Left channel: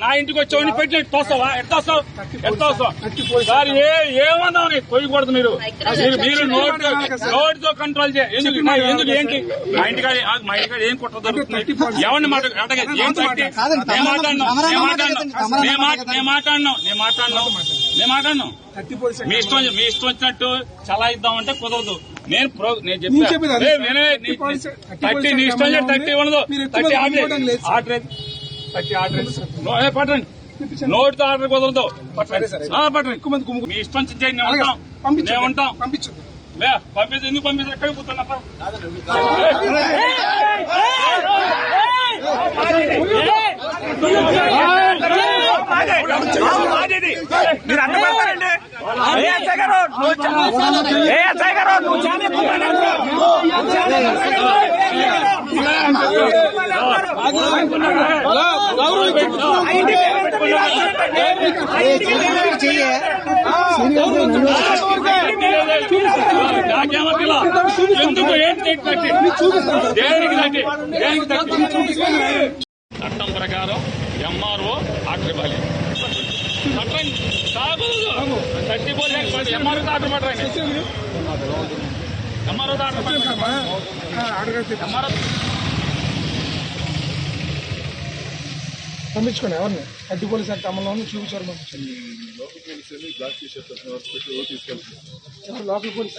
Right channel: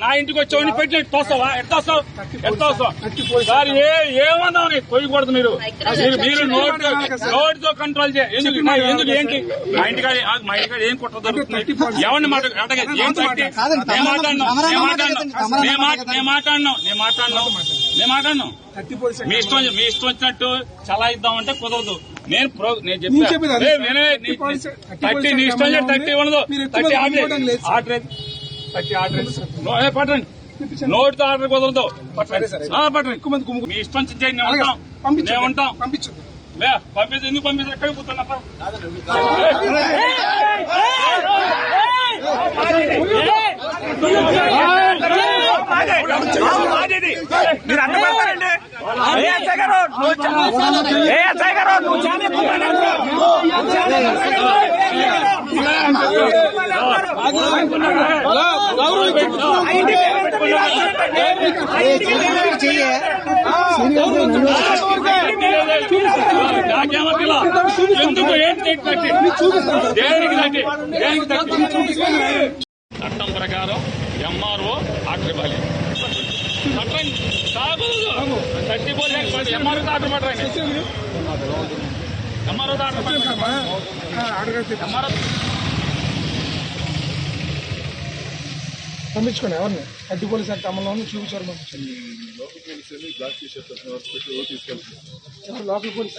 నా ఇంటికి వచ్చి పెట్టి తోస్తావా ఎట్లా సార్ ఏమన్నావు నీకు కొయ్యకూడదు మీరు నోటితో కంట్రోల్ చేయండి ఎందుకు ఏంటి మా ఇంటికాడ ఏం కుట్ర దొరుకుతుంది ఎవరిని మాట్లాడినాం మీ ఇష్టం వచ్చినట్టు చలా ఇద్దామంటే కుదరదు. నేను చెప్పాను నీ ఇష్టం 30 ఉండదు 30 ఆర్డర్ పట్టండి నోటితో ఆర్డర్ కుదరదు పట్టండి మీ ఇష్టం చేయండి మేము ఉంటాం పంపించు ఎందుకు పంపించు ఎక్కడికి పోతున్నా మీరు అన్నమారండి ఎందుకు ఏంటి చట్టం ప్రకారం ఎంఆర్ఓ ఆర్డర్ ఇవ్వాలి. పంపించుకోండి ఎవరిని అడ్డు పోలీసు యాక్ట్ అమల్లో చూపించారు పంపించండి. Local police black T shirt తీసుకెళ్తారు. Local police